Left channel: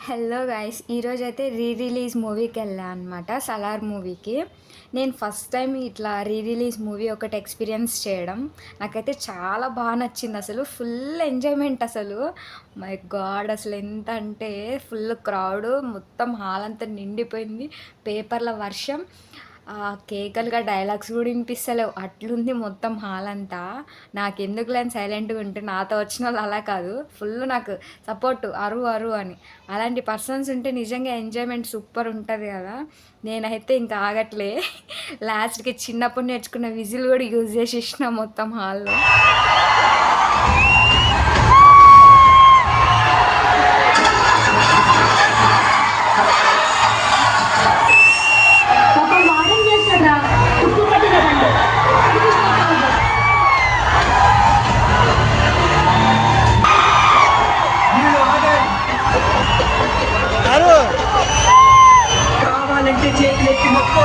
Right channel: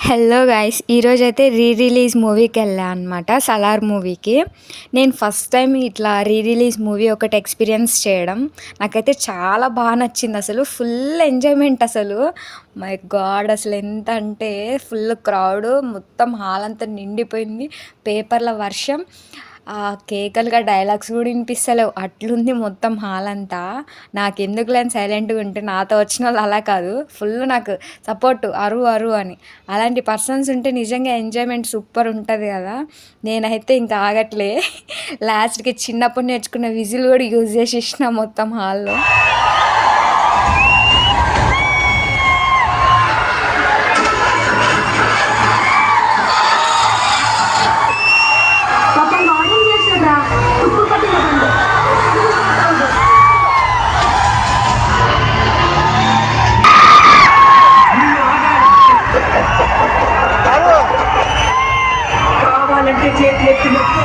Hello guys! ఈరోజైతే release మూవీకెళ్ళా అనమాట. 'సలార్' మూవీకి. నేను ఫస్ట్ టైమ్ ఇట్లా రిలీజ్ మూవీ ఒకటి ఎక్స్‌పీరియన్స్ చేయడం. నాకైతే చాలా నచ్చిందసలు. ఫుల్ ఎంజాయ్‌మెంట్ అసలు. My God! అసలెంతంటే ఫుల్ క్రౌడు. మొత్తం హాల్ అంతా నిండిపోయింది. పేపర్ల వర్షం. కేకలుగా డైలాగ్స్ గూడా ఇనిపిస్తలేవు. అట్లుంది మొత్తం హాల్ అంతా. నాకెందుకులే అని సైలెంట్‌గా ఉంటే, నాతో వచ్చినోళ్ళు అలా కాదు. ఫుల్ నాకు సపోర్ట్ అరు అరు అని. అలాంటి పర్సన్స్ ఉంటే నిజంగా ఎంజాయ్‌మెంట్ సూపర్ ఉంటది గదా! నేనైతే ఇంకా ఆగట్లే. లాస్ట్‌కి చిన్నప్పుడు నేర్చుకున్న విజిల్ గూడా యూజ్ చేసేసిన మొత్తం హాల్‌లో. పాపం వాడేం చేస్తాడ్రా తుప్పు పట్టిన బండి కావాలంటే చేతులెత్తి మొక్క